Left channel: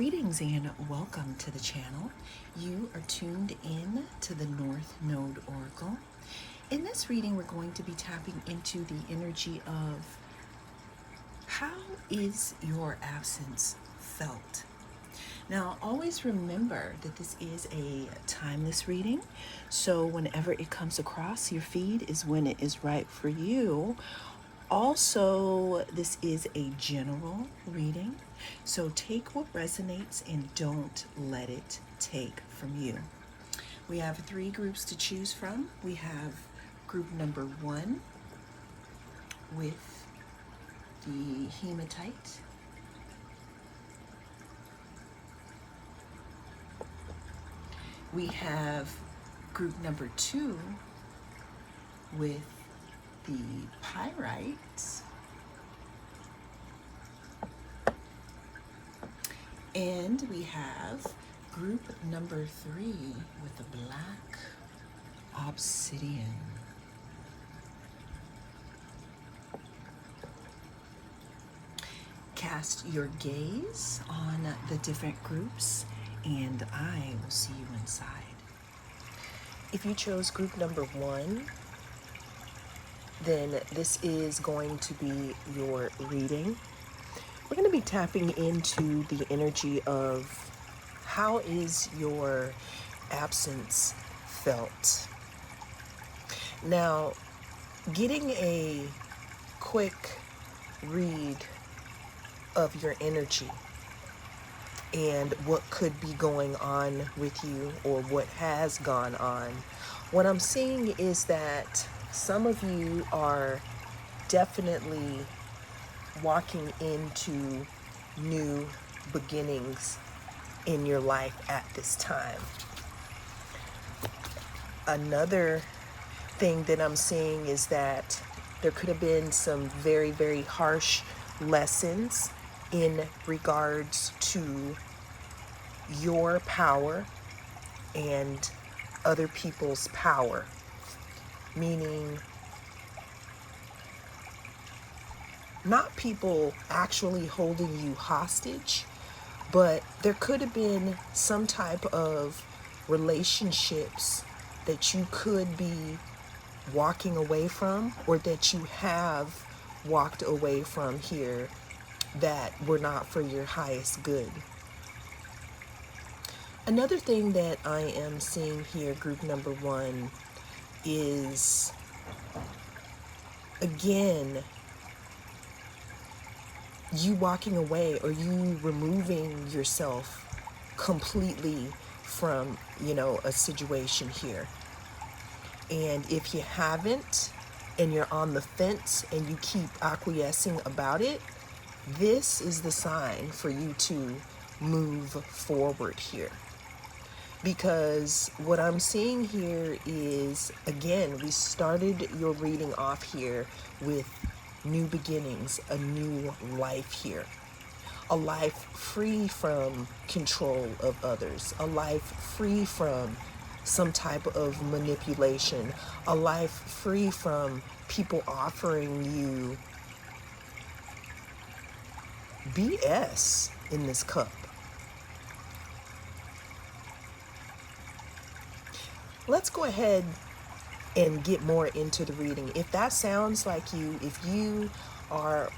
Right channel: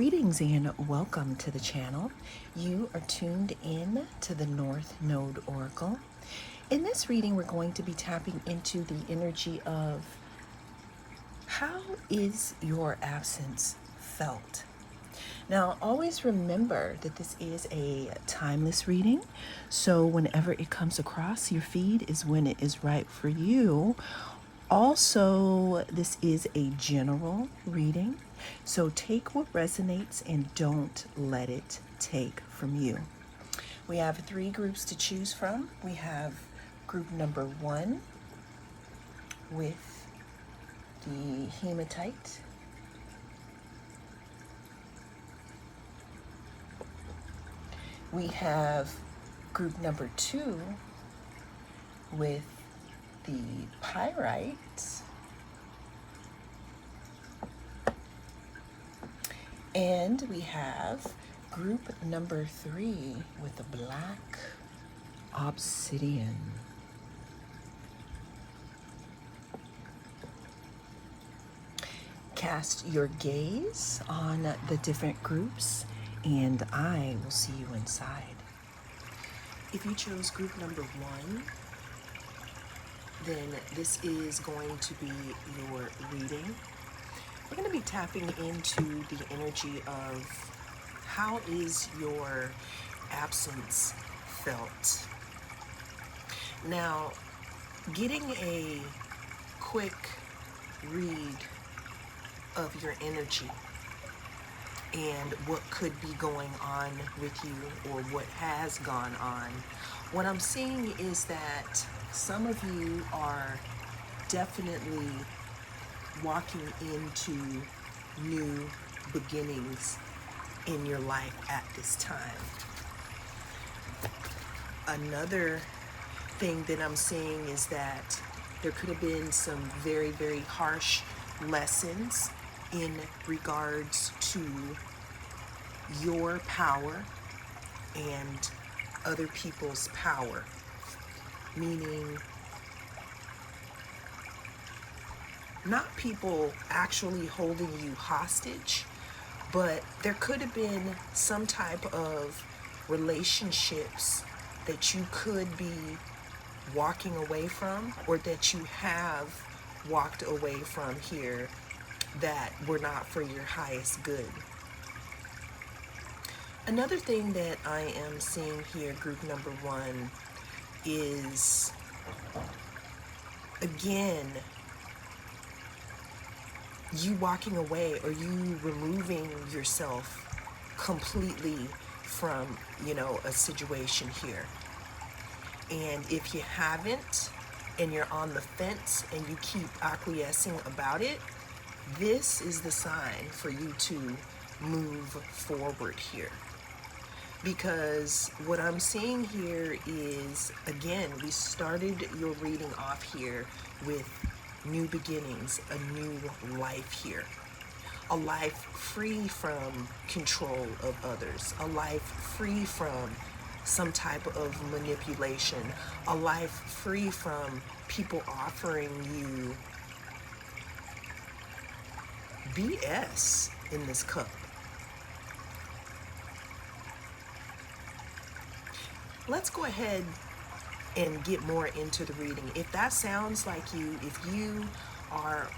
Greetings and welcome to the channel. You are tuned in to the North Node Oracle. In this reading, we're going to be tapping into the energy of how is your absence felt? Now, always remember that this is a timeless reading, so whenever it comes across your feed is when it is right for you. Also, this is a general reading, so take what resonates and don't let it take from you. We have 3 groups to choose from. We have group number 1 with the hematite. We have group number 2 with the pyrite. And we have group number 3 with the black obsidian. Cast your gaze on the different groups and I will see you inside. If you chose group number 1, then this is going to be your reading. We're going to be tapping into the energy of how is your absence felt. Now, getting a quick read of your energy and what could be going on with you or what has gone on, what I'm seeing is that some of you are definitely walking into new beginnings in your life at this time. Another thing that I'm seeing is that there could have been some very, very harsh lessons in regards to your power and other people's power, meaning not people actually holding you hostage, but there could have been some type of relationships that you could be walking away from or that you have walked away from here that were not for your highest good. Another thing that I am seeing here, group number 1, is again you walking away or you removing yourself completely from, a situation here. And if you haven't and you're on the fence and you keep acquiescing about it, this is the sign for you to move forward here. Because what I'm seeing here is, again, we started your reading off here with new beginnings, a new life here. A life free from control of others, a life free from some type of manipulation, a life free from people offering you BS in this cup. Let's go ahead and get more into the reading. If that sounds like you, if you are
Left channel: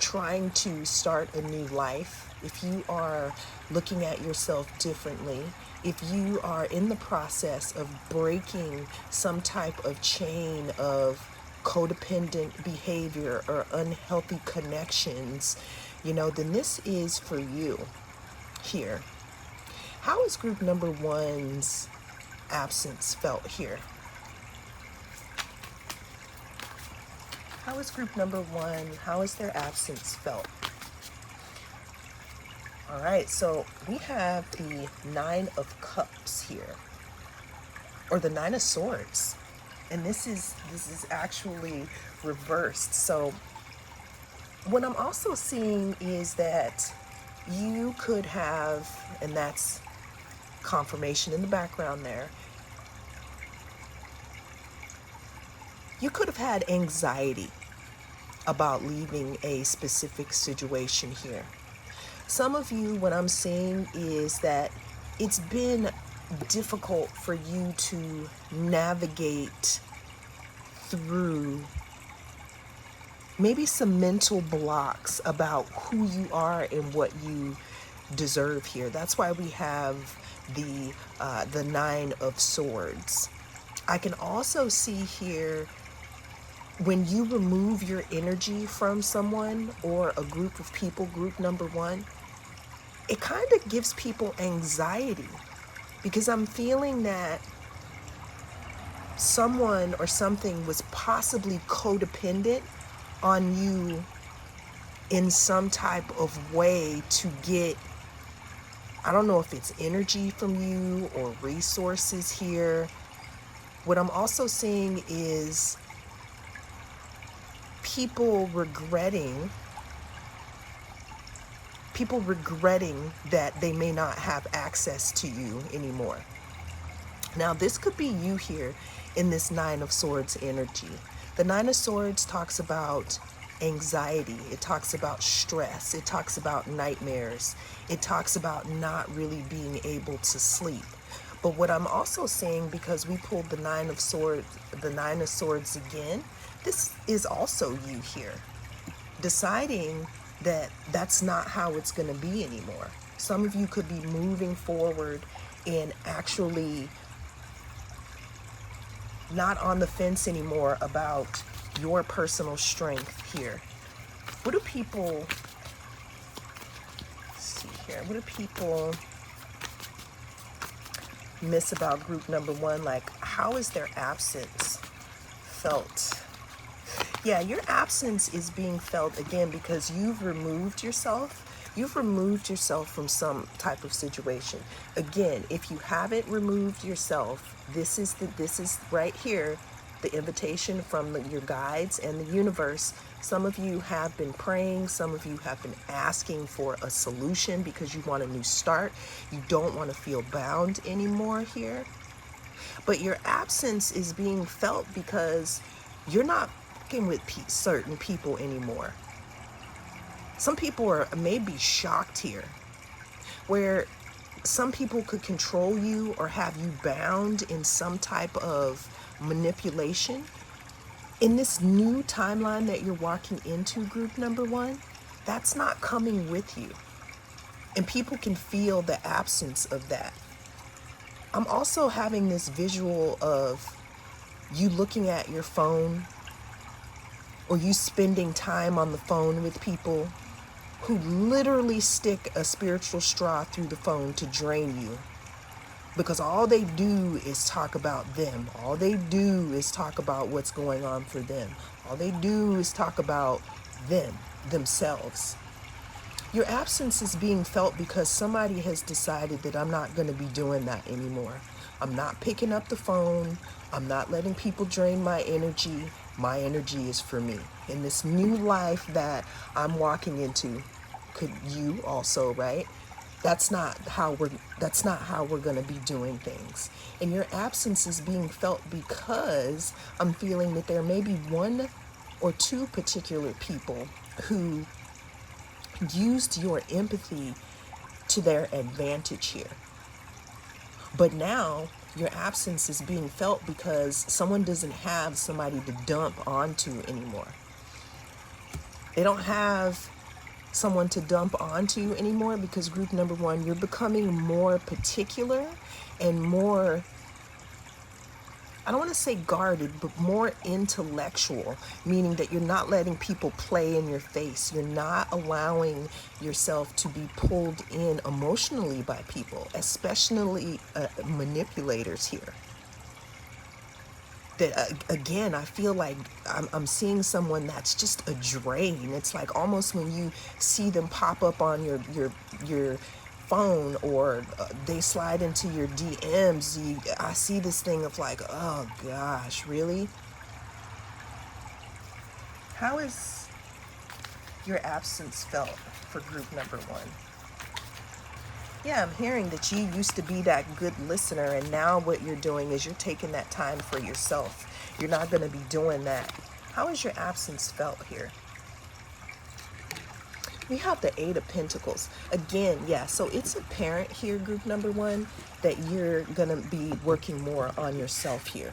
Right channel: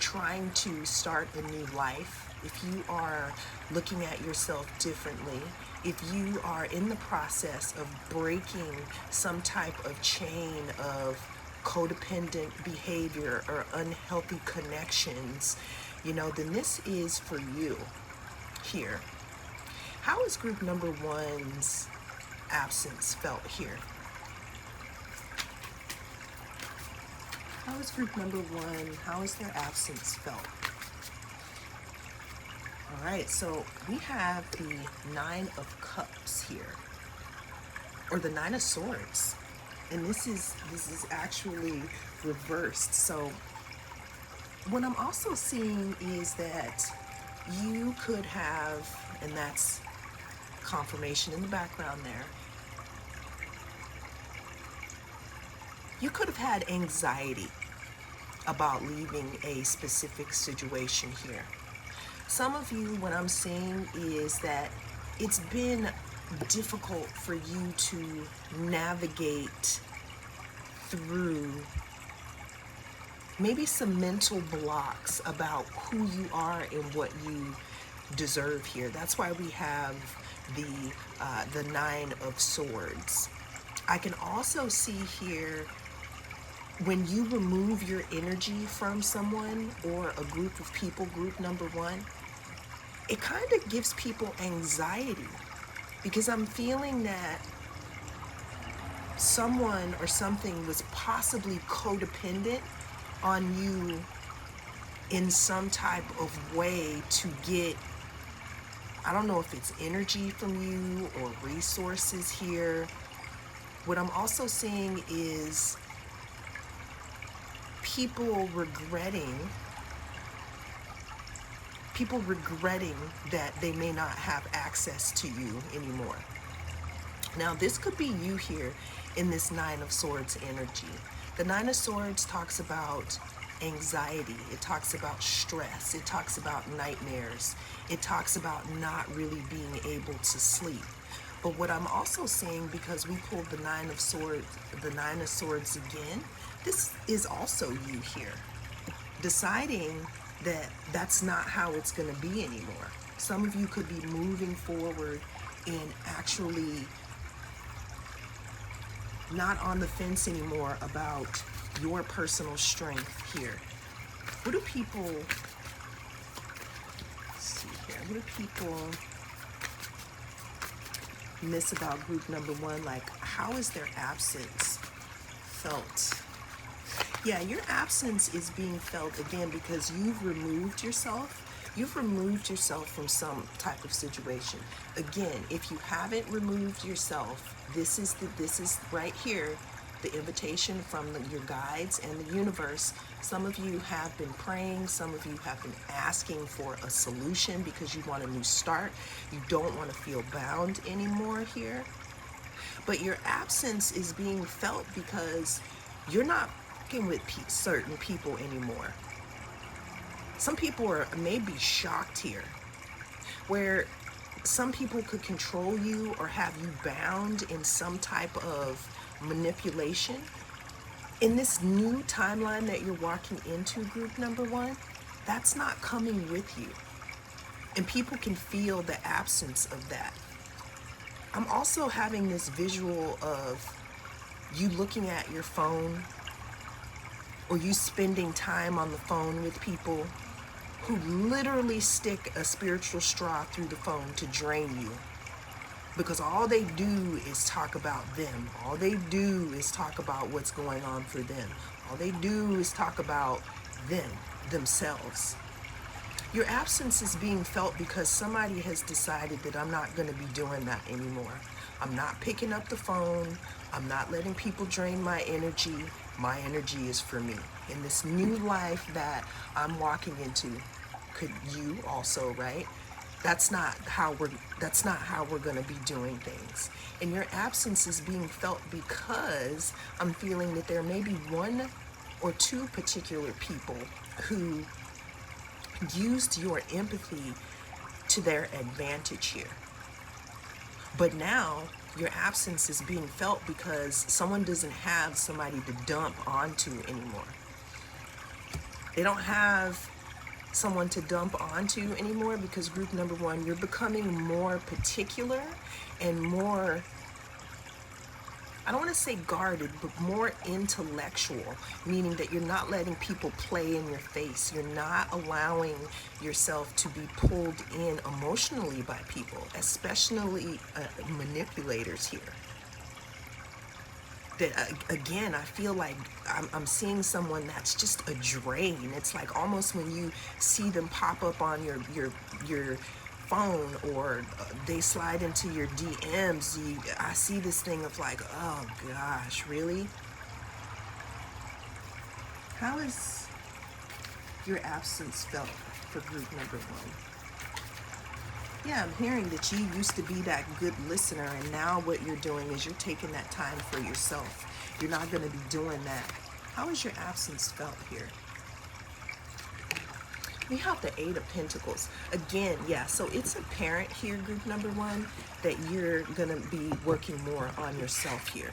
trying to start a new life, if you are looking at yourself differently, if you are in the process of breaking some type of chain of codependent behavior or unhealthy connections, then this is for you here. How is group number 1's absence felt here? How is group number 1, how is their absence felt? All right, so we have the 9 of Cups here, or the 9 of Swords, and this is actually reversed. So what I'm also seeing is that you could have, and that's confirmation in the background there, you could have had anxiety about leaving a specific situation here. Some of you, what I'm seeing is that it's been difficult for you to navigate through maybe some mental blocks about who you are and what you deserve here. That's why we have the Nine of Swords. I can also see here when you remove your energy from someone or a group of people, group number one, it kind of gives people anxiety, because I'm feeling that someone or something was possibly codependent on you in some type of way to get, I don't know if it's energy from you or resources here. What I'm also seeing is people regretting that they may not have access to you anymore. Now, this could be you here in this Nine of Swords energy. The Nine of Swords talks about anxiety. It talks about stress. It talks about nightmares. It talks about not really being able to sleep. But what I'm also saying, because we pulled the Nine of Swords again, this is also you here, deciding that that's not how it's going to be anymore. Some of you could be moving forward and actually not on the fence anymore about your personal strength here. What do people, let's see here, what do people miss about group number one? Like, how is their absence felt? Yeah, your absence is being felt again because you've removed yourself. You've removed yourself from some type of situation. Again, if you haven't removed yourself, this is right here, the invitation from your guides and the universe. Some of you have been praying. Some of you have been asking for a solution because you want a new start. You don't want to feel bound anymore here. But your absence is being felt because you're not with certain people anymore. Some people are maybe shocked here, where some people could control you or have you bound in some type of manipulation. In this new timeline that you're walking into, group number one, that's not coming with you. And people can feel the absence of that. I'm also having this visual of you looking at your phone, or you spending time on the phone with people who literally stick a spiritual straw through the phone to drain you. Because all they do is talk about them. All they do is talk about what's going on for them. All they do is talk about themselves. Your absence is being felt because somebody has decided that I'm not going to be doing that anymore. I'm not picking up the phone. I'm not letting people drain my energy. My energy is for me. In this new life that I'm walking into, could you also, right? That's not how we're going to be doing things. And your absence is being felt because I'm feeling that there may be one or two particular people who used your empathy to their advantage here. But now your absence is being felt because someone doesn't have somebody to dump onto anymore. They don't have someone to dump onto anymore because group number one, you're becoming more particular and more, I don't want to say guarded, but more intellectual, meaning that you're not letting people play in your face. You're not allowing yourself to be pulled in emotionally by people, especially manipulators here. That again, I feel like I'm seeing someone that's just a drain. It's like almost when you see them pop up on your phone, or they slide into your DMs, I see this thing of like, oh gosh, really? How is your absence felt for group number one? Yeah, I'm hearing that you used to be that good listener, and now what you're doing is you're taking that time for yourself. You're not going to be doing that. How is your absence felt here? We have the Eight of Pentacles. Again, yeah, so it's apparent here, group number one, that you're going to be working more on yourself here.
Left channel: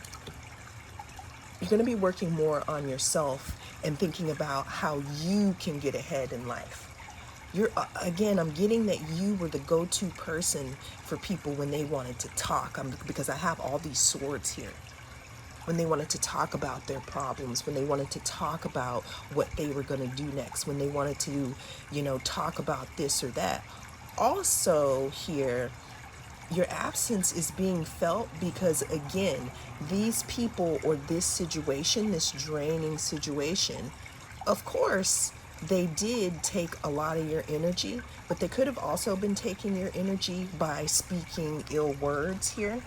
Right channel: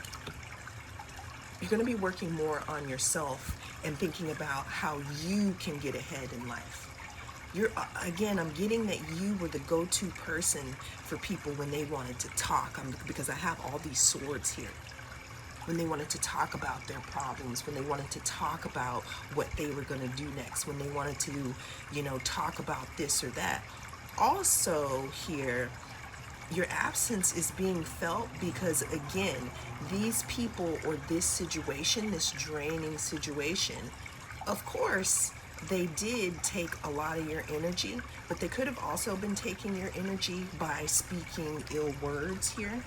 You're going to be working more on yourself and thinking about how you can get ahead in life. Again, I'm getting that you were the go-to person for people when they wanted to talk, because I have all these swords here. When they wanted to talk about their problems, when they wanted to talk about what they were going to do next, when they wanted to, talk about this or that. Also here, your absence is being felt because, again, these people or this situation, this draining situation, of course, they did take a lot of your energy, but they could have also been taking your energy by speaking ill words here.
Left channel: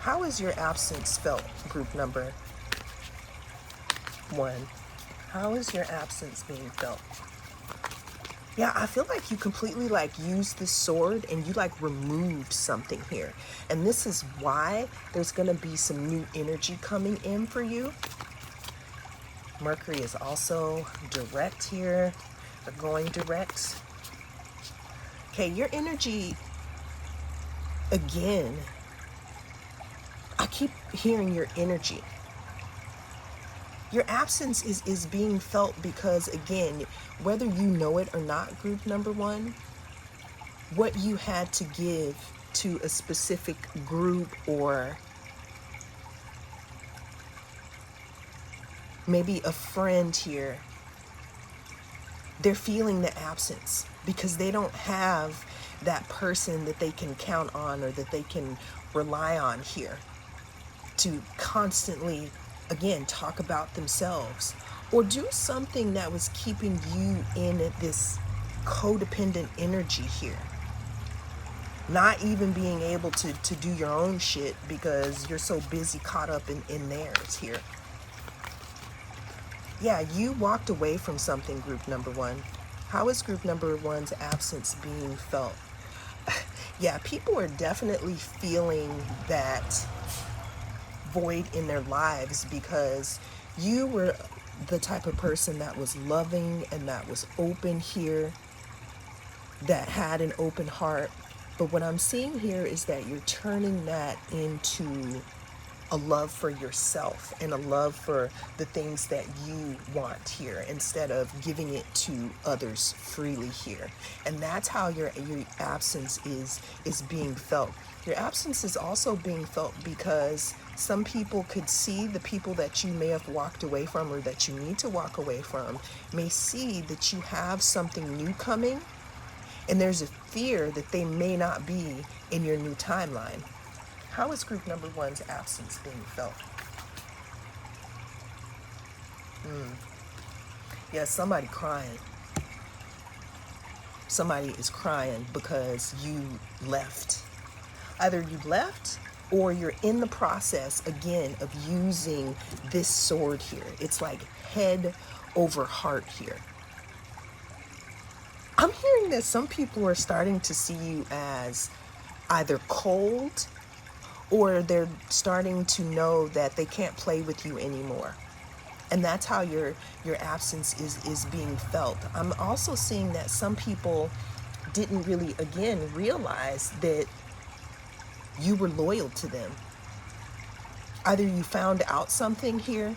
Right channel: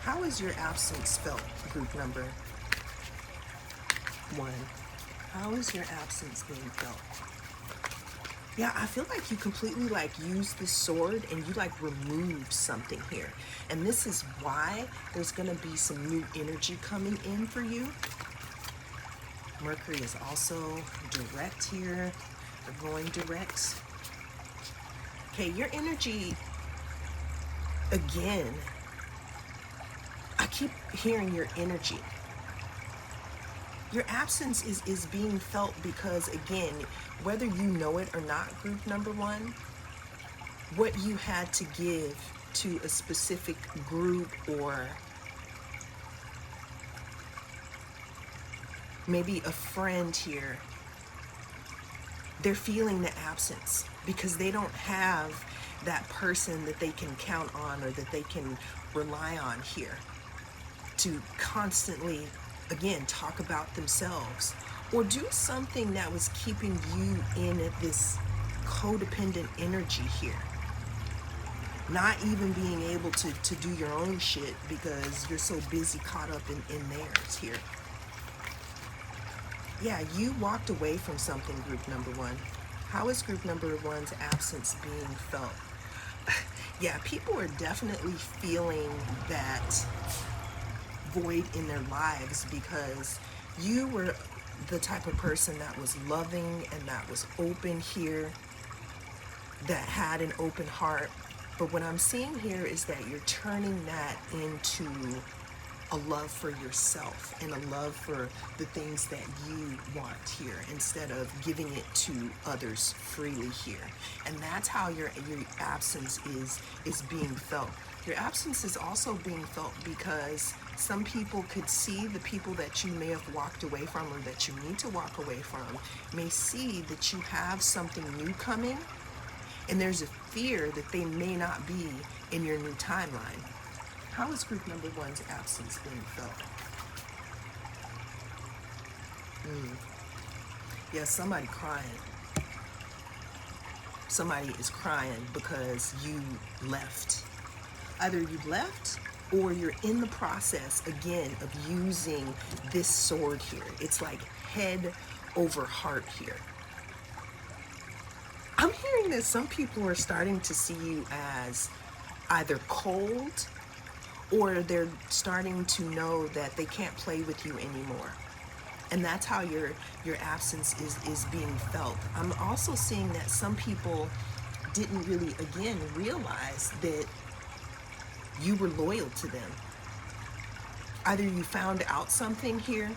How is your absence felt, group number one? How is your absence being felt? Yeah, I feel like you completely used this sword and you removed something here. And this is why there's going to be some new energy coming in for you. Mercury is also direct here, going direct. Okay, your energy, again, I keep hearing your energy. Your absence is being felt because, again, whether you know it or not, group number one, what you had to give to a specific group or maybe a friend here, they're feeling the absence because they don't have that person that they can count on or that they can rely on here to constantly, again, talk about themselves or do something that was keeping you in this codependent energy here. Not even being able to do your own shit because you're so busy caught up in theirs here. Yeah, you walked away from something, group number one. How is group number one's absence being felt? Yeah, people are definitely feeling that void in their lives because you were the type of person that was loving and that was open here, that had an open heart. But what I'm seeing here is that you're turning that into a love for yourself and a love for the things that you want here instead of giving it to others freely here. And that's how your absence is being felt. Your absence is also being felt because some people could see the people that you may have walked away from or that you need to walk away from may see that you have something new coming, and there's a fear that they may not be in your new timeline. How is group number one's absence being felt? Yeah, somebody crying. Somebody is crying because you left. Either you left or you're in the process, again, of using this sword here. It's like head over heart here. I'm hearing that some people are starting to see you as either cold or they're starting to know that they can't play with you anymore. And that's how your absence is being felt. I'm also seeing that some people didn't really, again, realize that you were loyal to them. Either you found out something here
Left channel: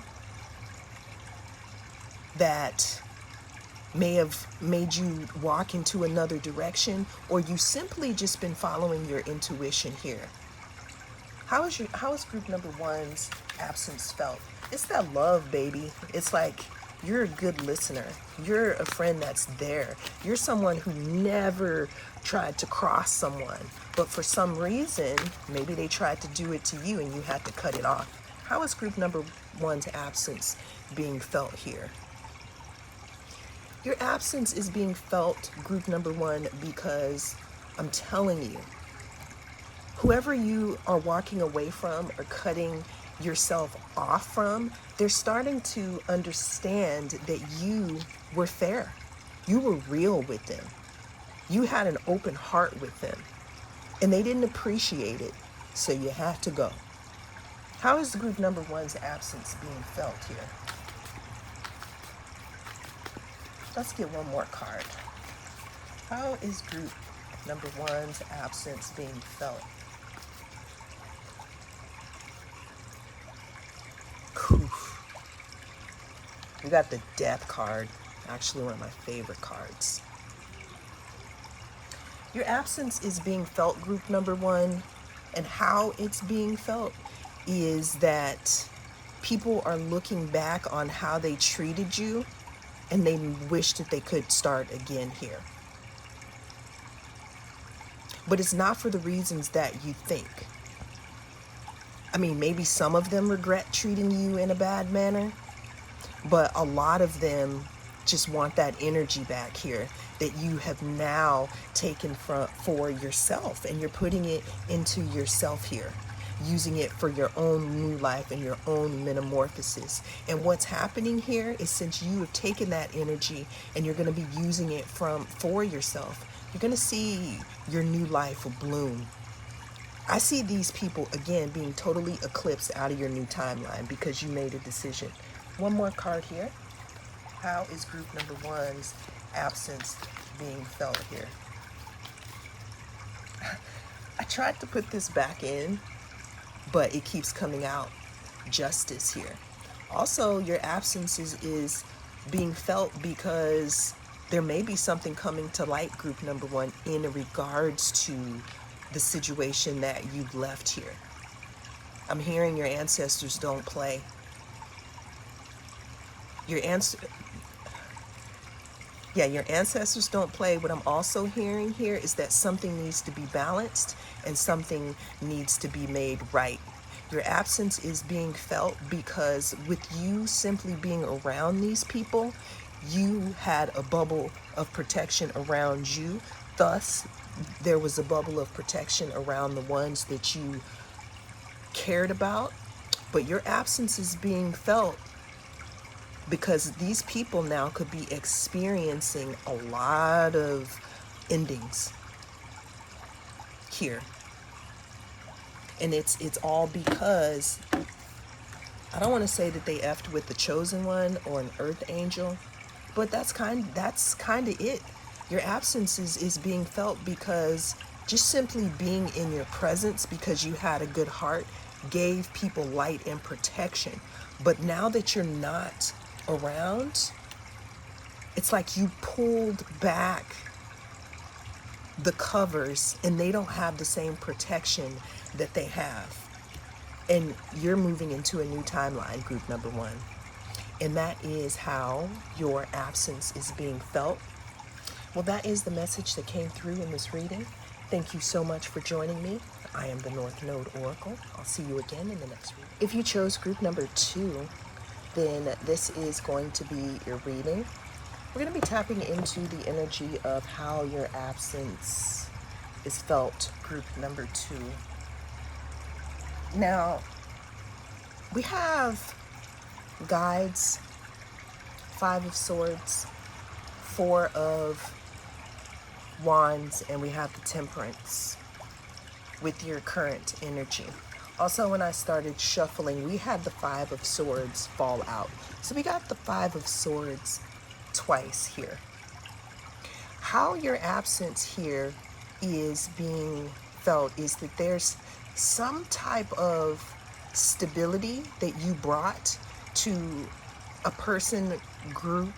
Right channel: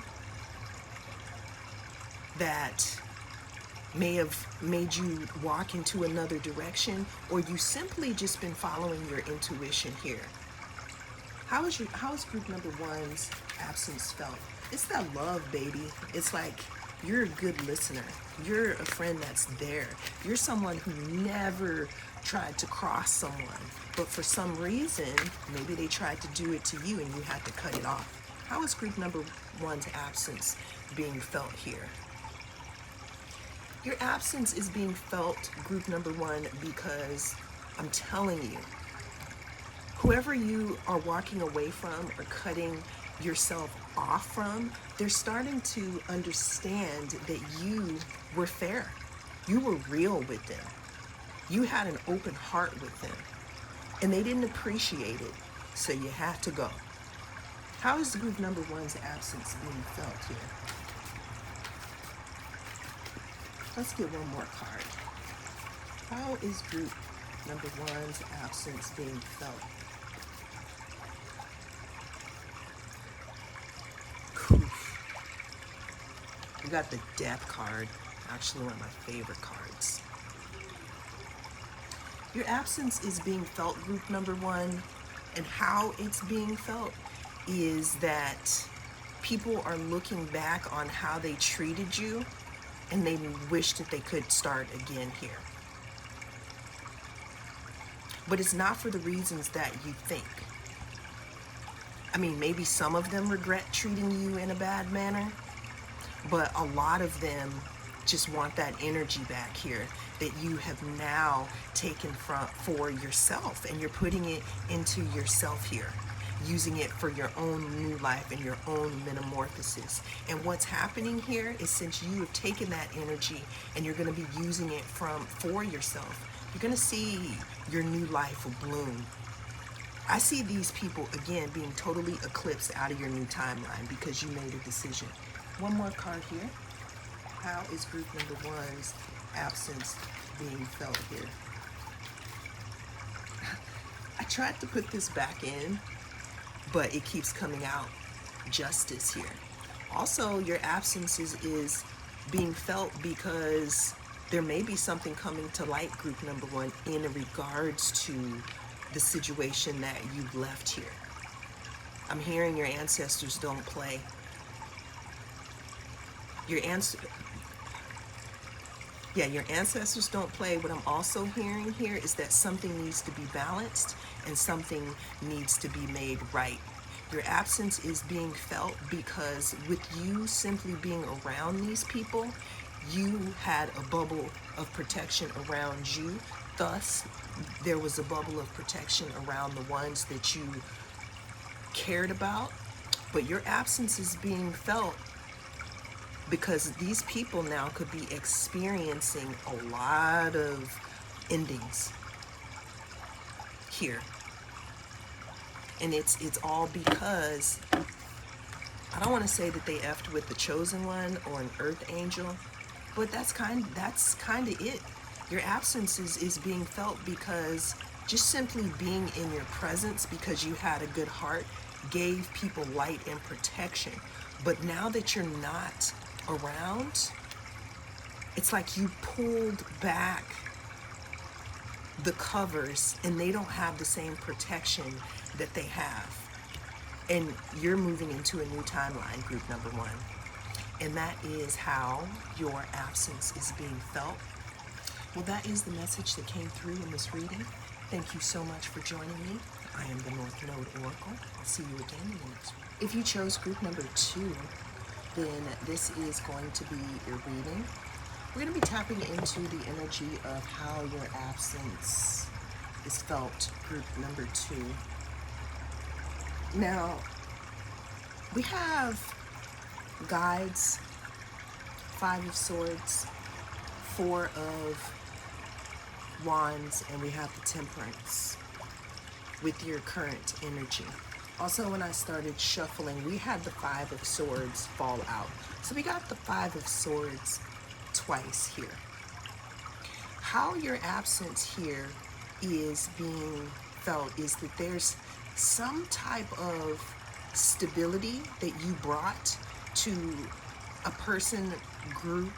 that may have made you walk into another direction, or you simply just been following your intuition here. How is group number one's absence felt? It's that love, baby. It's like you're a good listener. You're a friend that's there. You're someone who never tried to cross someone, but for some reason, maybe they tried to do it to you and you had to cut it off. How is group number one's absence being felt here? Your absence is being felt, group number one, because I'm telling you, whoever you are walking away from or cutting yourself off from, they're starting to understand that you were fair. You were real with them. You had an open heart with them. And they didn't appreciate it, so you have to go. How is group number one's absence being felt here? Let's get one more card. How is group number one's absence being felt? We got the death card, actually one of my favorite cards. Your absence is being felt, group number one, and how it's being felt is that people are looking back on how they treated you and they wish that they could start again here. But it's not for the reasons that you think. I mean, maybe some of them regret treating you in a bad manner, but a lot of them just want that energy back here that you have now taken for yourself, and you're putting it into yourself here, using it for your own new life and your own metamorphosis. And what's happening here is, since you have taken that energy and you're going to be using it for yourself, you're going to see your new life bloom. I see these people, again, being totally eclipsed out of your new timeline because you made a decision. One more card here. How is group number one's absence being felt here? I tried to put this back in, but it keeps coming out. Justice here. Also, your absence is being felt because there may be something coming to light, group number one, in regards to the situation that you've left here. I'm hearing your ancestors don't play. Your ancestors don't play. What I'm also hearing here is that something needs to be balanced and something needs to be made right. Your absence is being felt because with you simply being around these people, you had a bubble of protection around you. Thus, there was a bubble of protection around the ones that you cared about. But your absence is being felt because these people now could be experiencing a lot of endings here. And it's all because, I don't want to say that they effed with the chosen one or an earth angel, but that's kind of it. Your absence is being felt because just simply being in your presence, because you had a good heart, gave people light and protection. But now that you're not around, it's like you pulled back the covers and they don't have the same protection that they have. And you're moving into a new timeline, group number one. And that is how your absence is being felt. Well, that is the message that came through in this reading. Thank you so much for joining me. I am the North Node Oracle. I'll see you again in the next reading. If you chose group number 2, then this is going to be your reading. We're going to be tapping into the energy of how your absence is felt, group number 2. Now, we have guides, 5 of Swords, 4 of Wands, and we have the Temperance with your current energy. Also, when I started shuffling, we had the 5 of Swords fall out. So we got the 5 of Swords twice here. How your absence here is being felt is that there's some type of stability that you brought to a person, group,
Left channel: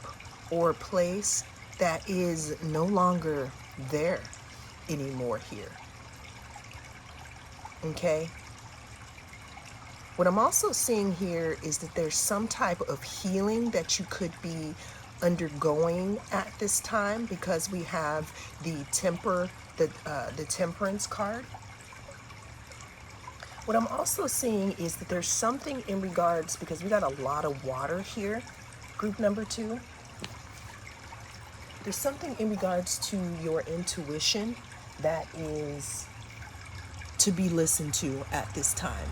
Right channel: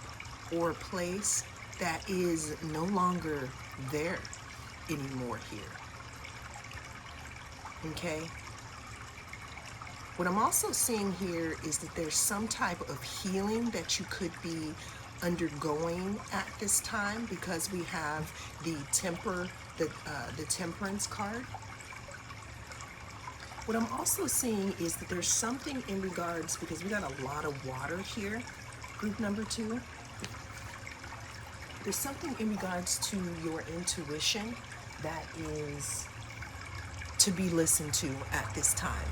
or place that is no longer there anymore here. Okay? What I'm also seeing here is that there's some type of healing that you could be undergoing at this time, because we have the Temperance card. What I'm also seeing is that there's something in regards, because we got a lot of water here, group number 2. There's something in regards to your intuition that is to be listened to at this time.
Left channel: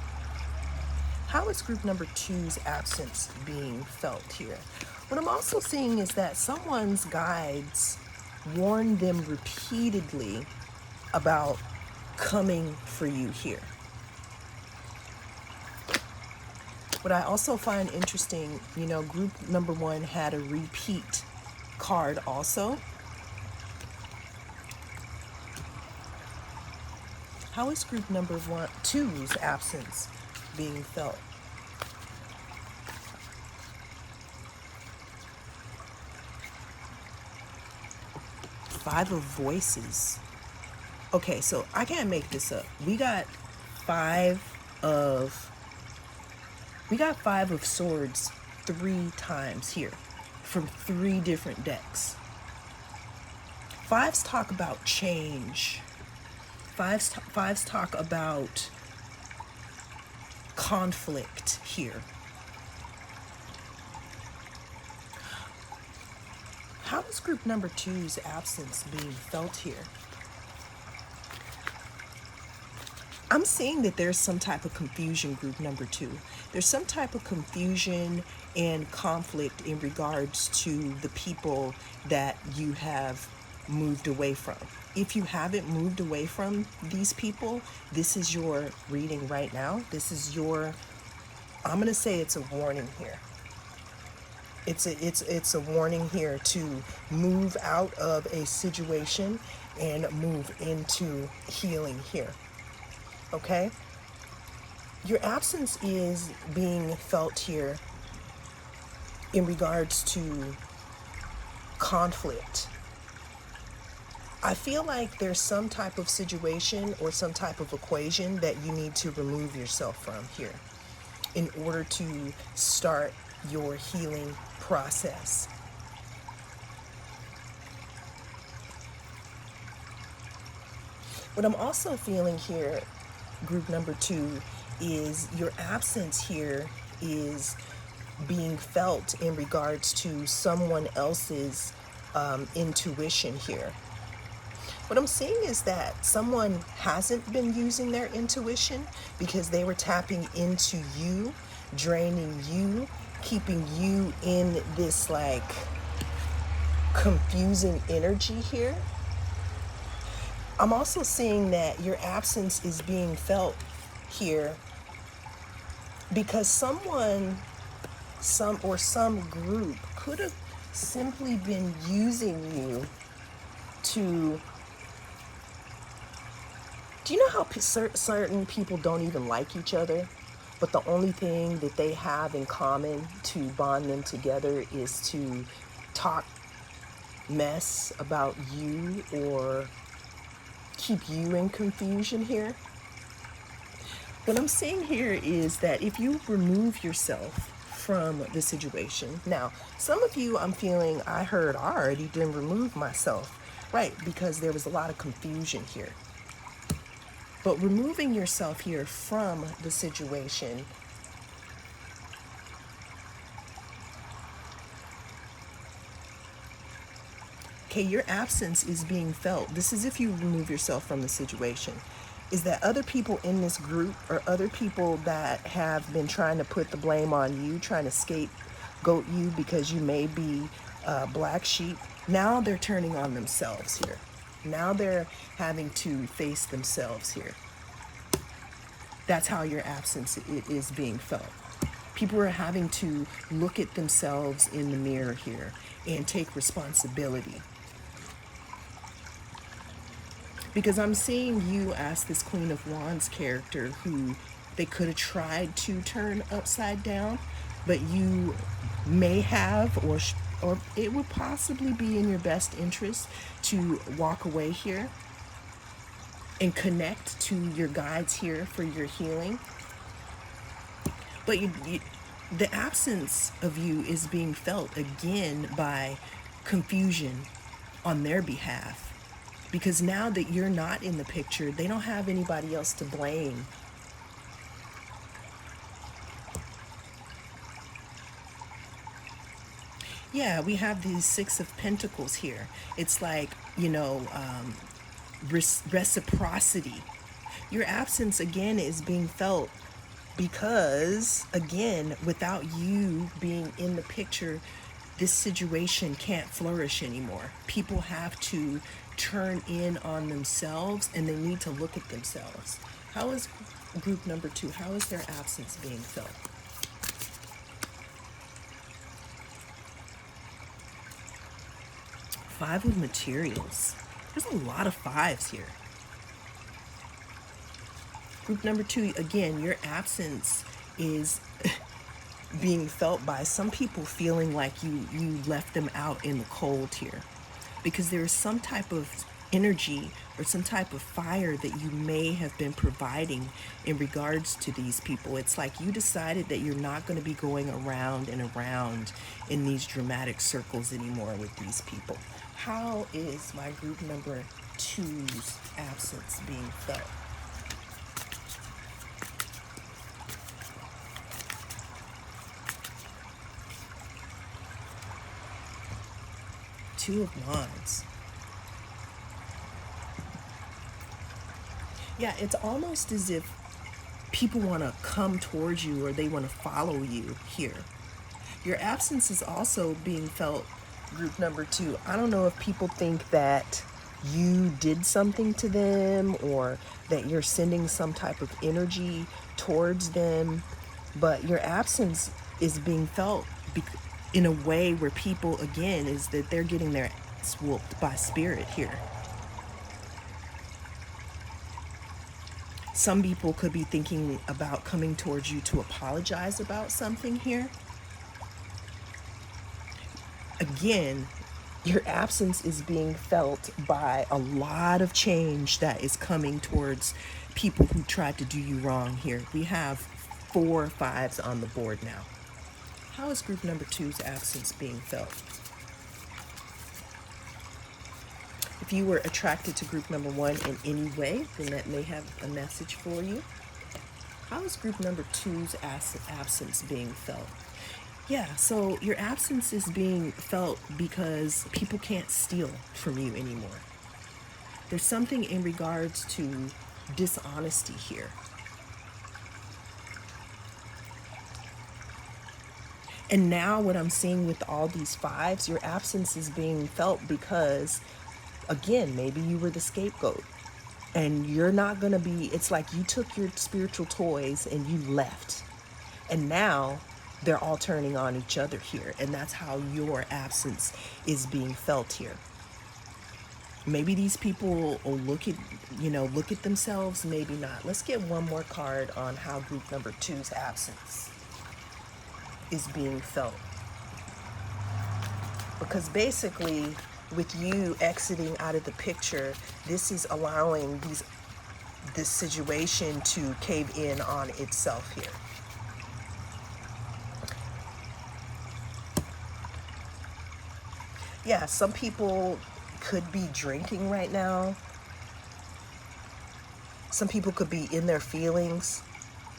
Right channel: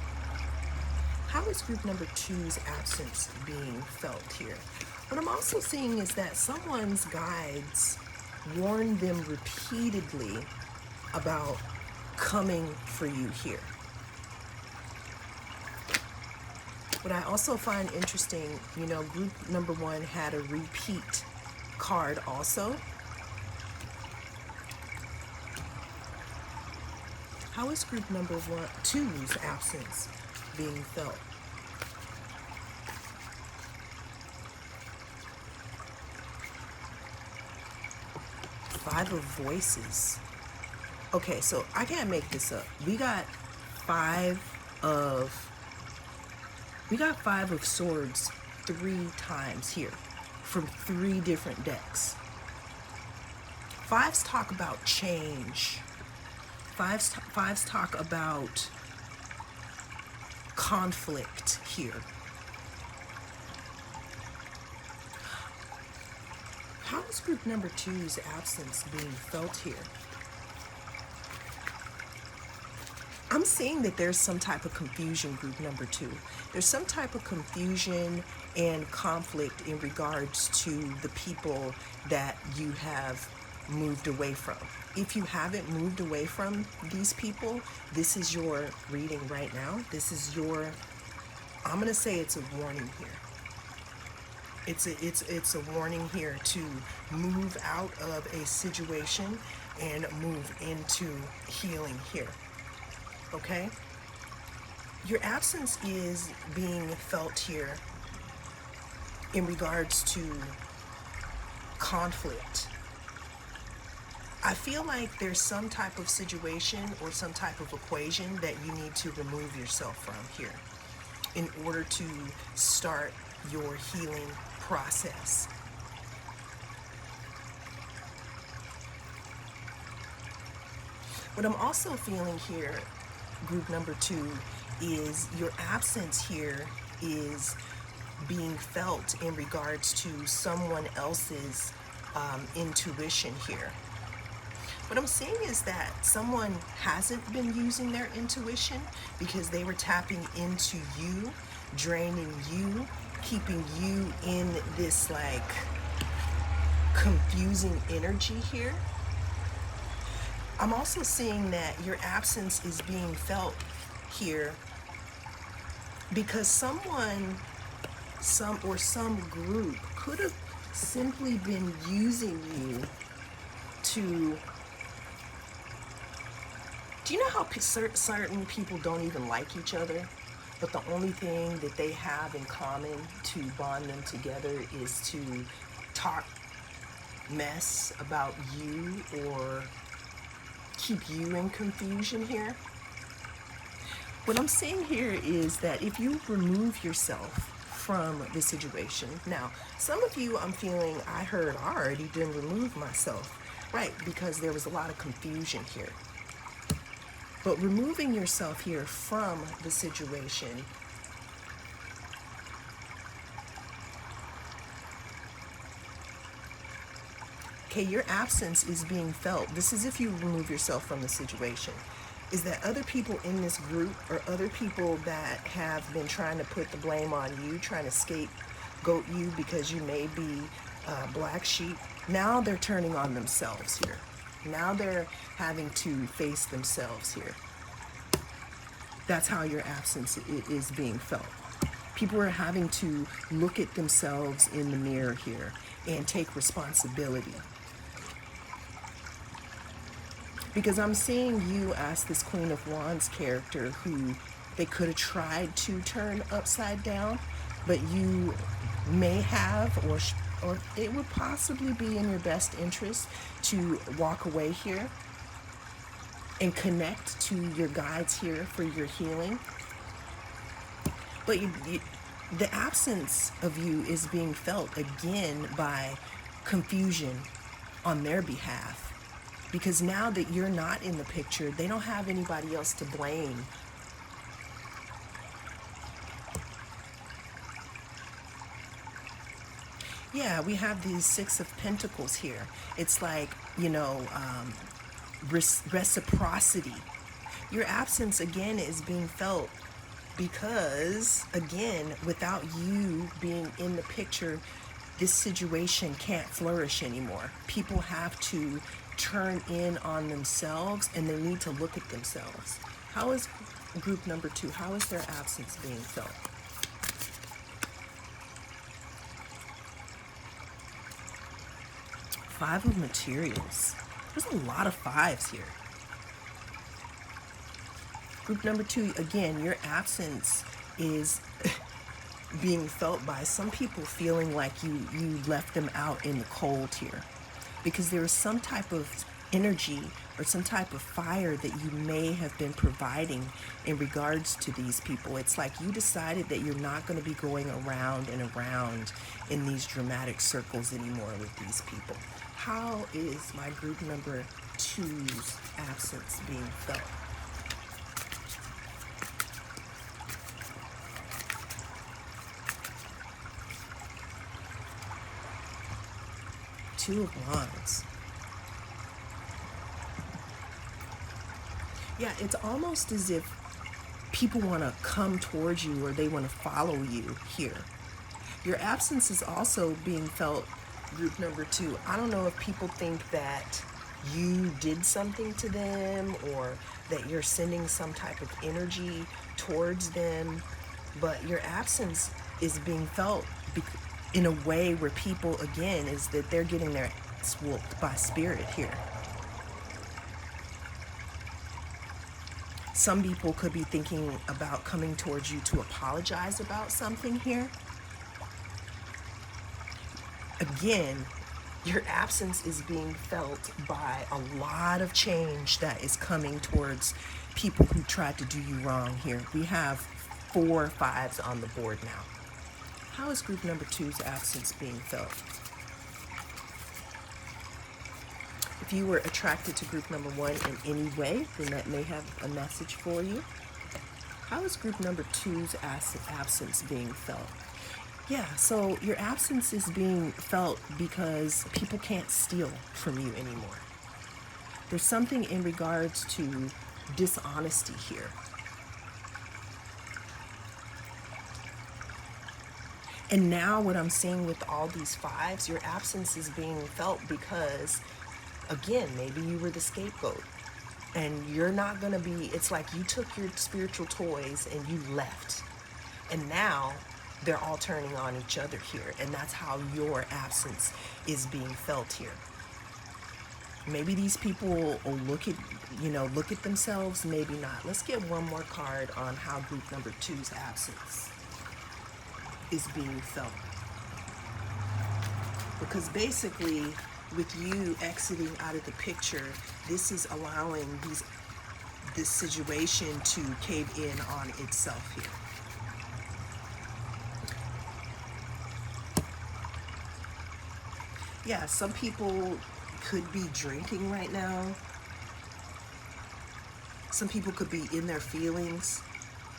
How is group number 2's absence being felt here? What I'm also seeing is that someone's guides warn them repeatedly about coming for you here. What I also find interesting, group number 1 had a repeat card also. How is group number two's absence being felt? Five of voices. Okay, so I can't make this up. We got five of swords 3 times here from 3 different decks. Fives talk about change. Fives talk about conflict here. How is group number two's absence being felt here? I'm seeing that there's some type of confusion, group number 2. There's some type of confusion and conflict in regards to the people that you have moved away from. If you haven't moved away from these people, this is your reading right now. This is your, I'm going to say it's a warning here. It's a warning here to move out of a situation and move into healing here. Okay? Your absence is being felt here in regards to conflict. I feel like there's some type of situation or some type of equation that you need to remove yourself from here in order to start your healing process. What I'm also feeling here, group number 2, is your absence here is being felt in regards to someone else's intuition here. What I'm seeing is that someone hasn't been using their intuition because they were tapping into you, draining you, keeping you in this like confusing energy here. I'm also seeing that your absence is being felt here because some group could have simply been using you to, do you know how certain people don't even like each other, but the only thing that they have in common to bond them together is to talk mess about you or keep you in confusion here? What I'm seeing here is that if you remove yourself from the situation, now some of you I'm feeling I already didn't remove myself, right? Because there was a lot of confusion here. But removing yourself here from the situation, okay, your absence is being felt. This is if you remove yourself from the situation. Is that other people in this group or other people that have been trying to put the blame on you, trying to scapegoat you because you may be black sheep, now they're turning on themselves here. Now they're having to face themselves here. That's how your absence is being felt. People are having to look at themselves in the mirror here and take responsibility. Because I'm seeing you as this Queen of Wands character who they could have tried to turn upside down, but you may have, or it would possibly be in your best interest to walk away here and connect to your guides here for your healing. But the absence of you is being felt again by confusion on their behalf. Because now that you're not in the picture, they don't have anybody else to blame. Yeah, we have these 6 of Pentacles here. It's like, reciprocity. Your absence again is being felt because, again, without you being in the picture, this situation can't flourish anymore. People have to turn in on themselves and they need to look at themselves. How is group number 2, how is their absence being felt? Five of materials. There's a lot of fives here. Group number 2, again, your absence is being felt by some people, feeling like you left them out in the cold here, because there is some type of energy or some type of fire that you may have been providing in regards to these people. It's like you decided that you're not going to be going around and around in these dramatic circles anymore with these people. How is my group number 2's absence being felt? Two of Wands. Yeah, it's almost as if people want to come towards you or they want to follow you here. Your absence is also being felt, group number 2. I don't know if people think that you did something to them or that you're sending some type of energy towards them, but your absence is being felt in a way where people, again, is that they're getting their ass whooped by spirit here. Some people could be thinking about coming towards you to apologize about something here. Again, your absence is being felt by a lot of change that is coming towards people who tried to do you wrong here. We have 4 fives on the board now. How is group number 2's absence being felt? If you were attracted to group number 1 in any way, then that may have a message for you. How is group number 2's absence being felt? Yeah, so your absence is being felt because people can't steal from you anymore. There's something in regards to dishonesty here. And now what I'm seeing with all these fives, your absence is being felt because, again, maybe you were the scapegoat and you're not going to be, it's like you took your spiritual toys and you left. And now they're all turning on each other here. And that's how your absence is being felt here. Maybe these people will look at themselves, maybe not. Let's get one more card on how group number 2's absence is being felt. Because basically, with you exiting out of the picture, this is allowing this situation to cave in on itself here. Yeah, some people could be drinking right now. Some people could be in their feelings.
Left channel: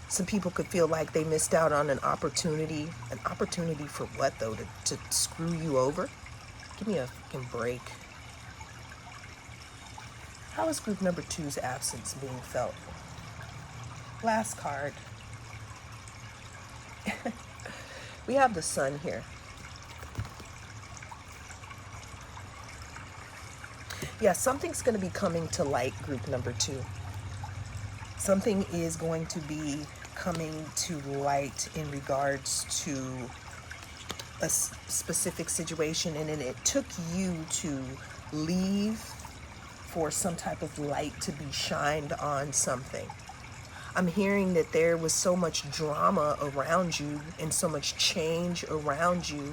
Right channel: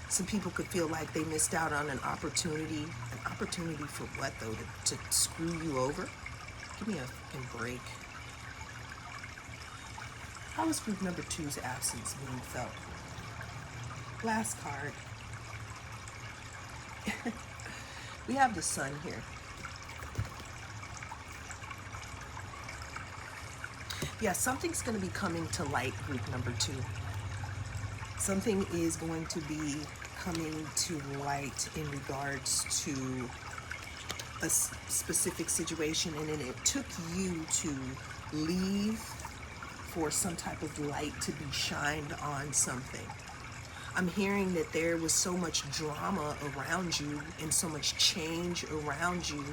Some people could feel like they missed out on an opportunity. An opportunity for what, though? To screw you over? Give me a fucking break. How is group number 2's absence being felt? Last card. We have the Sun here. Yeah, something's going to be coming to light, group number 2. Something is going to be coming to light in regards to a specific situation, and then it took you to leave for some type of light to be shined on something. I'm hearing that there was so much drama around you and so much change around you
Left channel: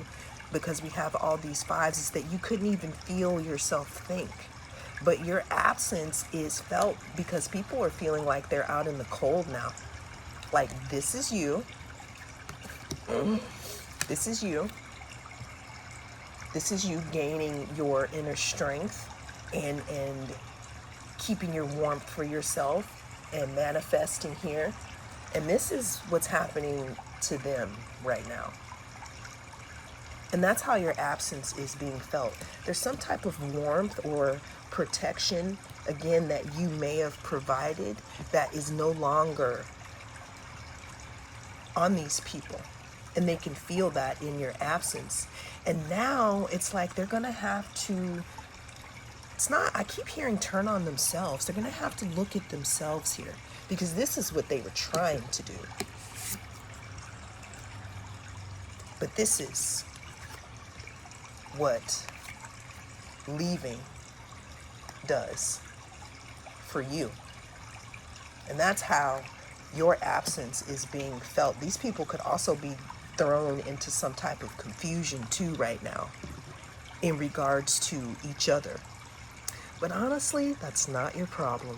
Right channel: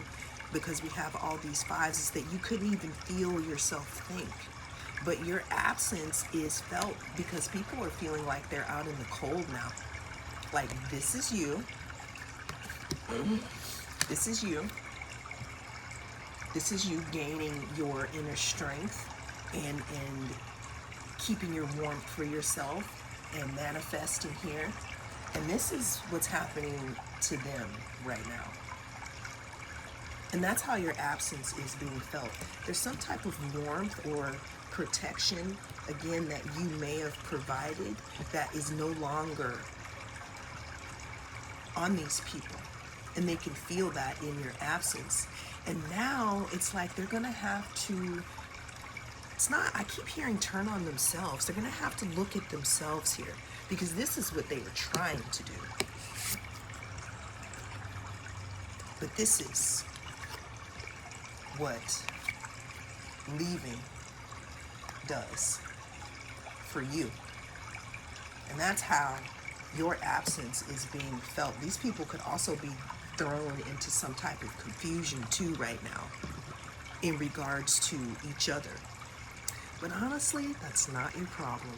because we have all these fives, is that you couldn't even feel yourself think. But your absence is felt because people are feeling like they're out in the cold now. Like, this is you. This is you. This is you gaining your inner strength and keeping your warmth for yourself and manifesting here. And this is what's happening to them right now. And that's how your absence is being felt. There's some type of warmth or protection, again, that you may have provided that is no longer on these people. And they can feel that in your absence. And now it's like they're going to have to, I keep hearing turn on themselves. They're going to have to look at themselves here, because this is what they were trying to do. But this is what leaving does for you. And that's how your absence is being felt. These people could also be thrown into some type of confusion too right now in regards to each other. But honestly, that's not your problem.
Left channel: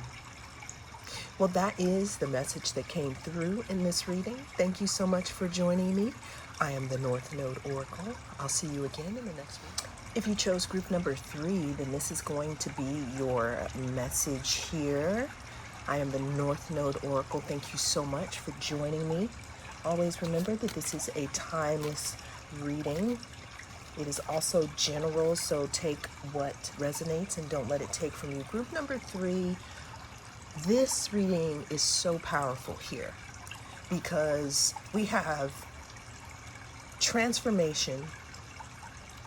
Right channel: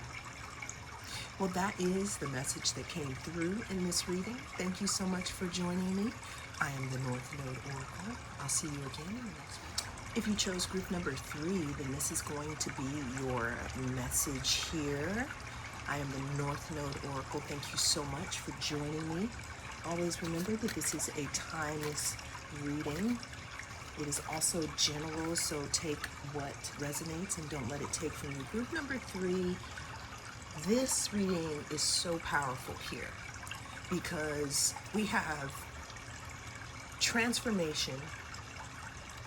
Well, that is the message that came through in this reading. Thank you so much for joining me. I am the North Node Oracle. I'll see you again in the next one. If you chose group number 3, then this is going to be your message here. I am the North Node Oracle. Thank you so much for joining me. Always remember that this is a timeless reading. It is also general, so take what resonates and don't let it take from you. Group number 3, this reading is so powerful here because we have transformation.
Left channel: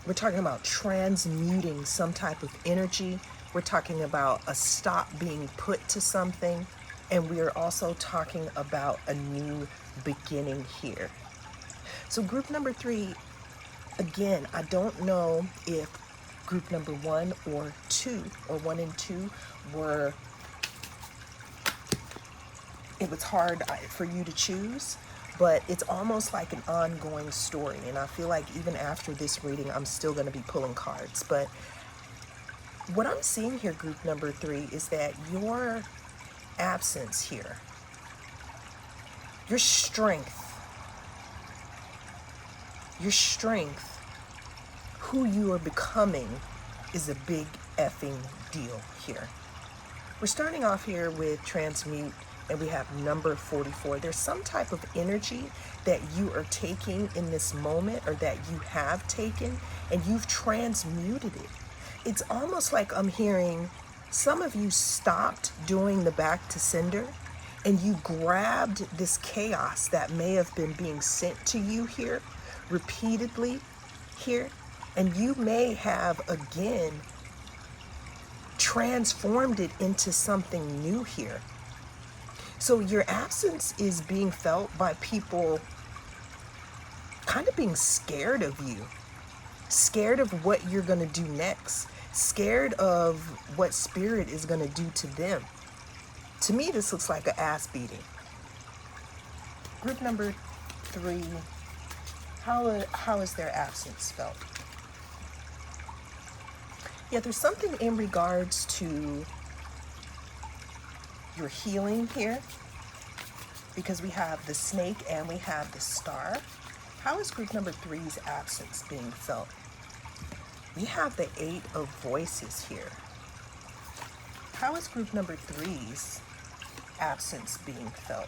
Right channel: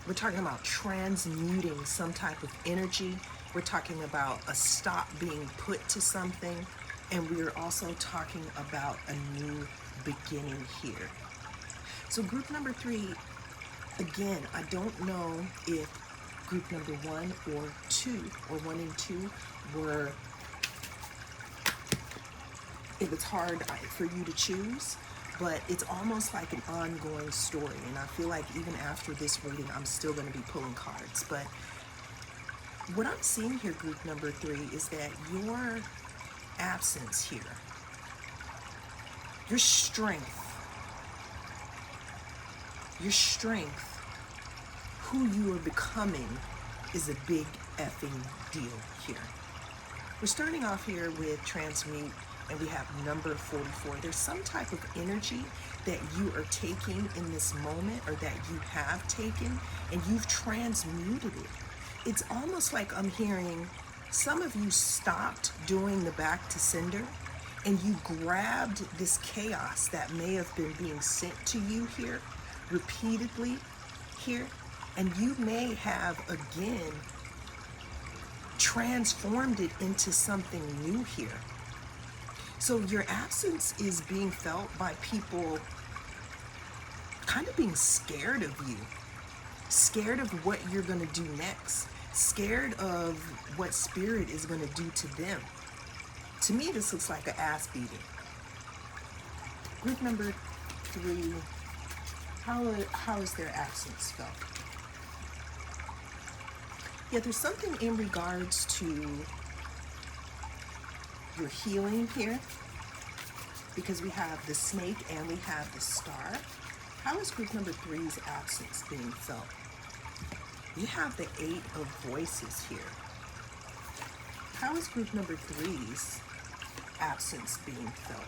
We're talking about transmuting some type of energy. We're talking about a stop being put to something. And we're also talking about a new beginning here. So group number 3, again, I don't know if group number 1 or 2, or 1 and 2 were, it was hard for you to choose. But it's almost like an ongoing story. And I feel like even after this reading, I'm still going to be pulling cards. But what I'm seeing here, group number 3, is that your absence here, your strength, who you are becoming is a big effing deal here. We're starting off here with transmute. And we have number 44. There's some type of energy that you are taking in this moment, or that you have taken, and you've transmuted it. It's almost like I'm hearing some of you stopped doing the back to sender, and you grabbed this chaos that may have been being sent to you here repeatedly here, and you may have again transformed it into something new here. So your absence is being felt by people kind of being scared of you, scared of what you're going to do next, scared of what spirit is going to do to them. To me, this looks like an ass beating. Group number 3, how is their absence felt? Yeah, there's something in regards to your healing here, because we have the snake and we have the star. How is group number 3's absence being felt? We have the 8 of voices here. How is group number 3's absence being felt?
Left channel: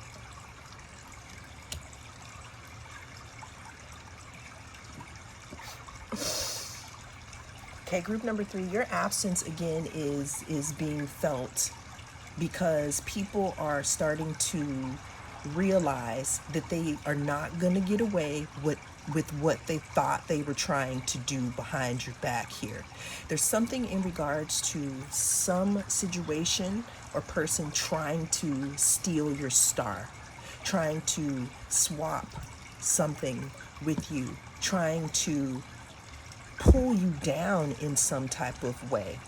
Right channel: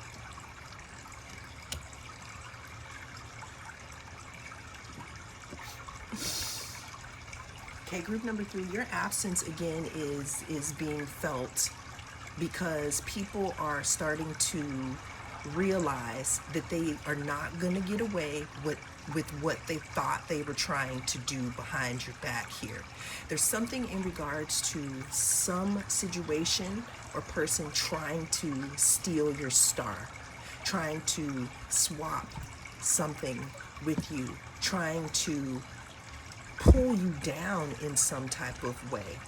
Okay, group number 3, your absence again is being felt because people are starting to realize that they are not going to get away with what they thought they were trying to do behind your back here. There's something in regards to some situation or person trying to steal your star, trying to swap something with you, trying to pull you down in some type of way.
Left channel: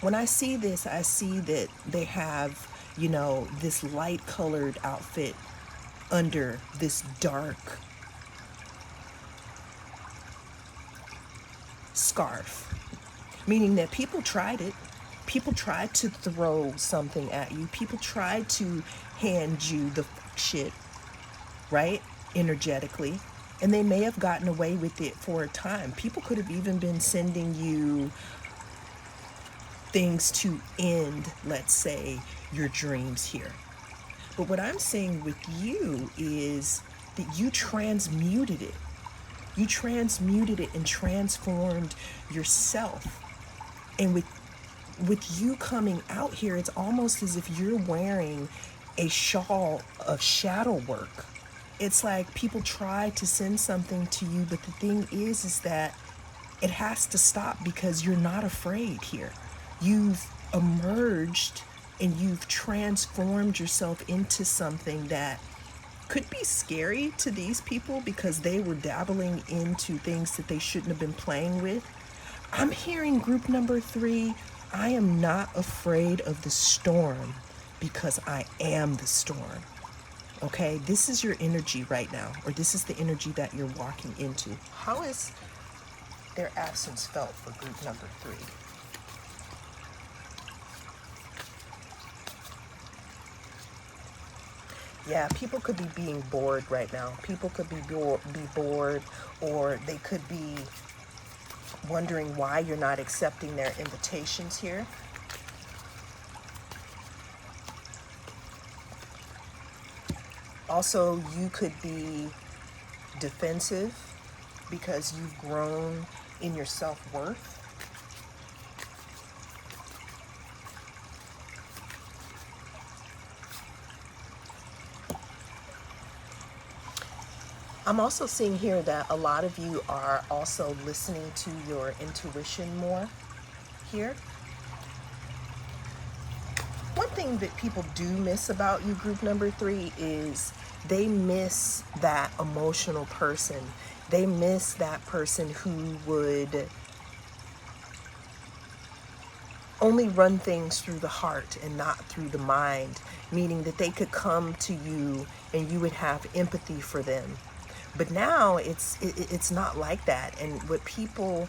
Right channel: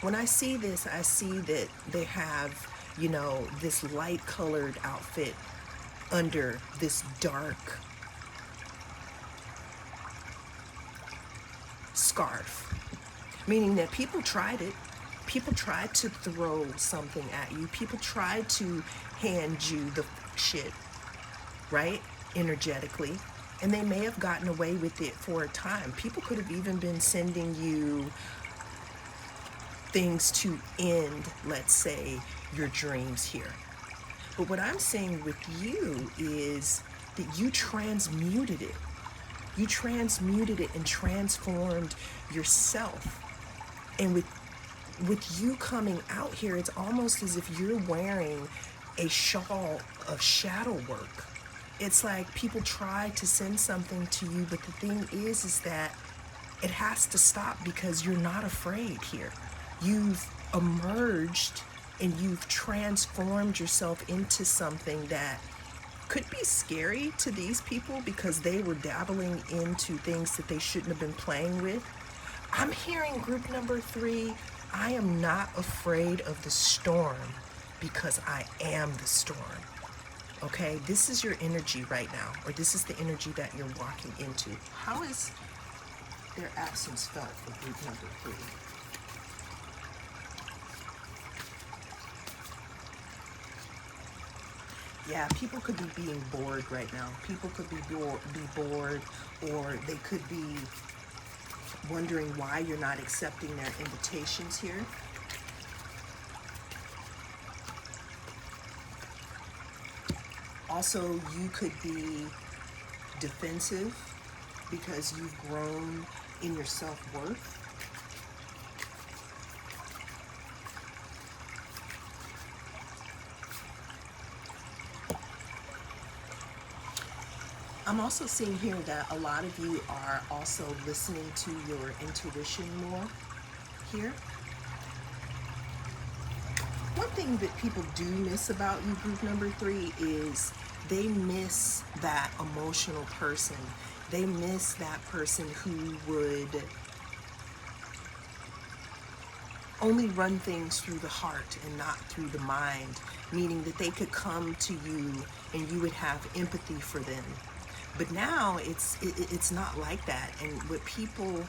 When I see this, I see that they have, you know, this light colored outfit under this dark scarf, meaning that people tried it. People tried to throw something at you. People tried to hand you the shit, right? Energetically. And they may have gotten away with it for a time. People could have even been sending you things to end, let's say, your dreams here. But what I'm seeing with you is that you transmuted it. You transmuted it and transformed yourself. And with you coming out here, it's almost as if you're wearing a shawl of shadow work. It's like people try to send something to you, but the thing is that it has to stop because you're not afraid here. You've emerged and you've transformed yourself into something that could be scary to these people because they were dabbling into things that they shouldn't have been playing with. I'm hearing group number 3, I am not afraid of the storm because I am the storm. Okay, this is your energy right now, or this is the energy that you're walking into. How is their absence felt for group number 3? Yeah, people could be being bored right now. People could be bored, or they could be wondering why you're not accepting their invitations here. Also, you could be defensive because you've grown in your self-worth. I'm also seeing here that a lot of you are also listening to your intuition more here. One thing that people do miss about you, group number 3, is they miss that emotional person. They miss that person who would only run things through the heart and not through the mind, meaning that they could come to you and you would have empathy for them. But now it's not like that. And what people,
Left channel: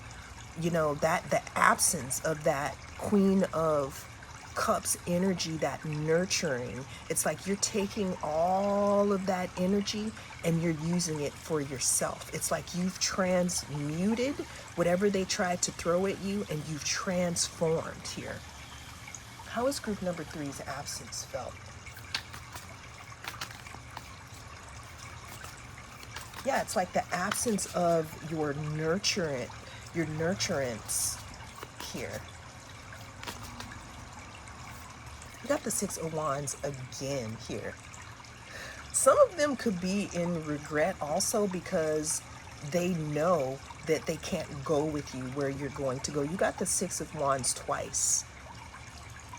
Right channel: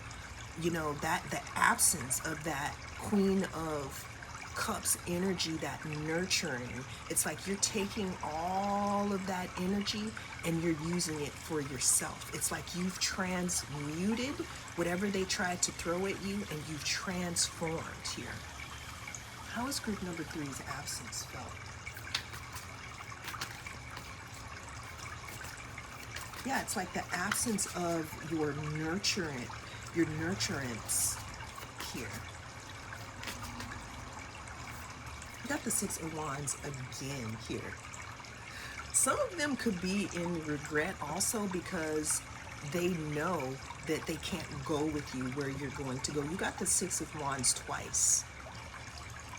you know, that the absence of that Queen of Cups energy, that nurturing, it's like you're taking all of that energy and you're using it for yourself. It's like you've transmuted whatever they tried to throw at you, and you've transformed here. How is group number 3's absence felt? Yeah, it's like the absence of your nurturance here. You got the 6 of Wands again here. Some of them could be in regret also because they know that they can't go with you where you're going to go. You got the 6 of Wands twice.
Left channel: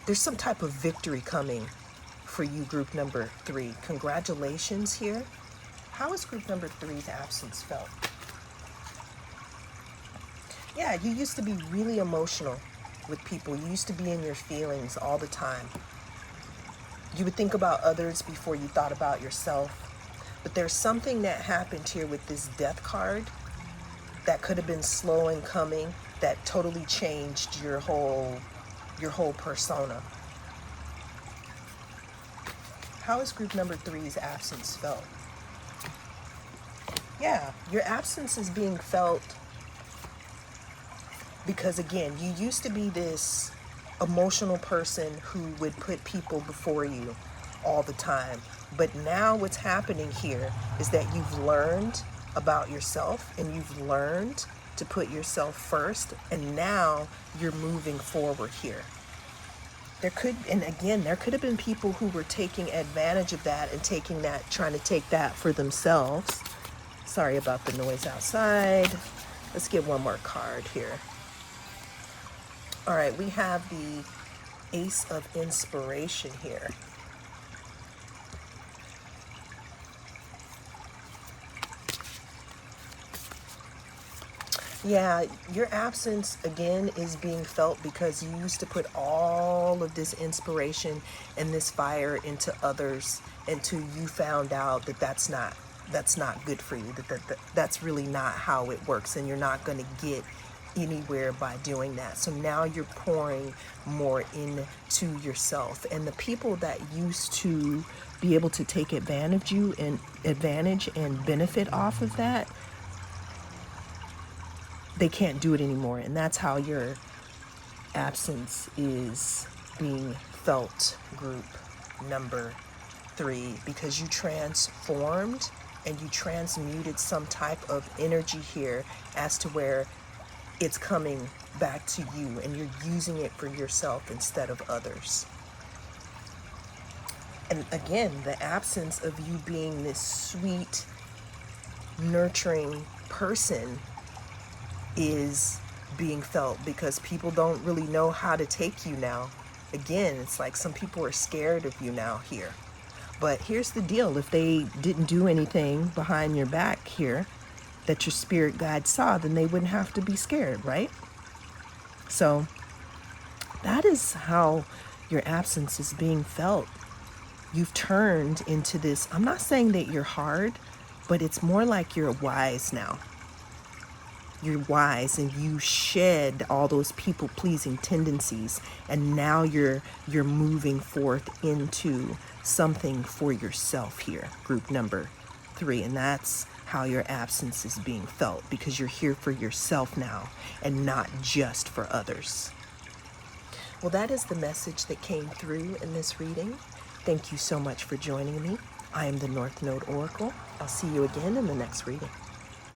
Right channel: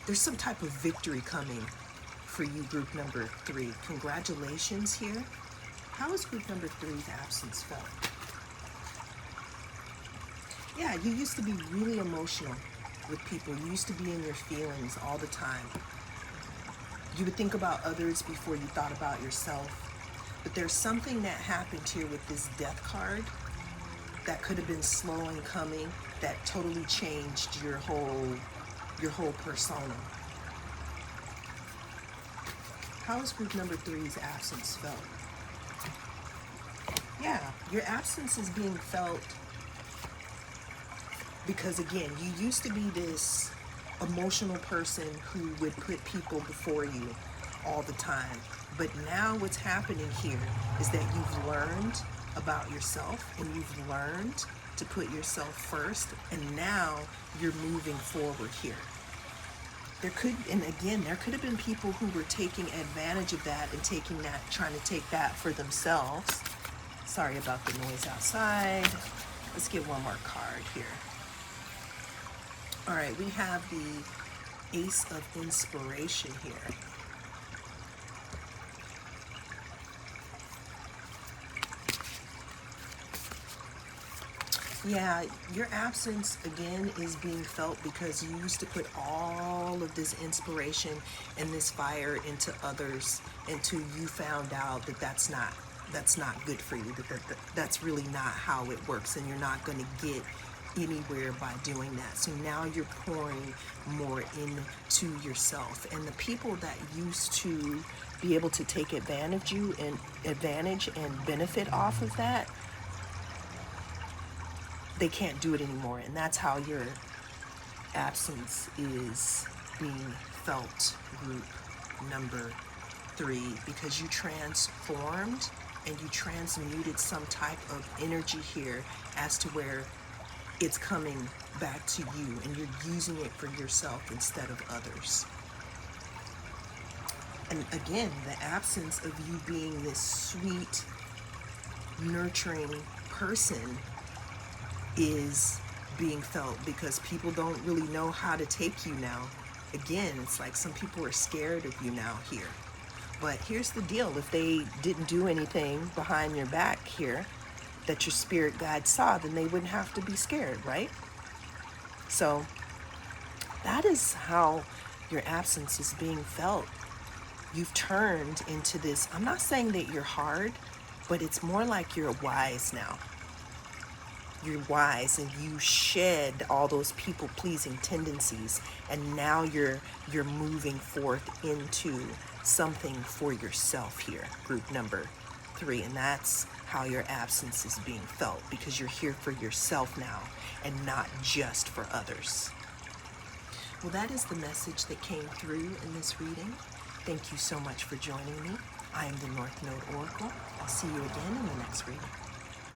There's some type of victory coming for you, group number 3. Congratulations here. How is group number 3's absence felt? Yeah, you used to be really emotional with people. You used to be in your feelings all the time. You would think about others before you thought about yourself. But there's something that happened here with this Death card that could have been slow in coming, that totally changed your whole persona. How is group number 3's absence felt? Yeah, your absence is being felt because, again, you used to be this emotional person who would put people before you all the time. But now what's happening here is that you've learned about yourself and you've learned to put yourself first, and now you're moving forward here. There could have been people who were taking advantage of that and trying to take that for themselves. Sorry about the noise outside. Let's get one more card here. All right, we have the Ace of Inspiration here. Yeah, your absence, again, is being felt because you used to put all of this inspiration and this fire into others until you found out that that's not good for you, that's really not how it works, and you're not going to get anywhere by doing that. So now you're pouring more into yourself, and the people that used to be able to take advantage and benefit off of that, they can't do it anymore. And that's how your absence is being felt, group number 3, because you transformed and you transmuted some type of energy here as to where it's coming back to you, and you're using it for yourself instead of others. And again, the absence of you being this sweet, nurturing person is being felt because people don't really know how to take you now. Again, it's like some people are scared of you now here. But here's the deal. If they didn't do anything behind your back here that your spirit guide saw, then they wouldn't have to be scared, right? So that is how your absence is being felt. You've turned into this, I'm not saying that you're hard, but it's more like you're wise now. You're wise and you shed all those people-pleasing tendencies, and now you're moving forth into something for yourself here, group number 3. And that's how your absence is being felt, because you're here for yourself now and not just for others. Well, that is the message that came through in this reading. Thank you so much for joining me. I am the North Node Oracle. I'll see you again in the next reading.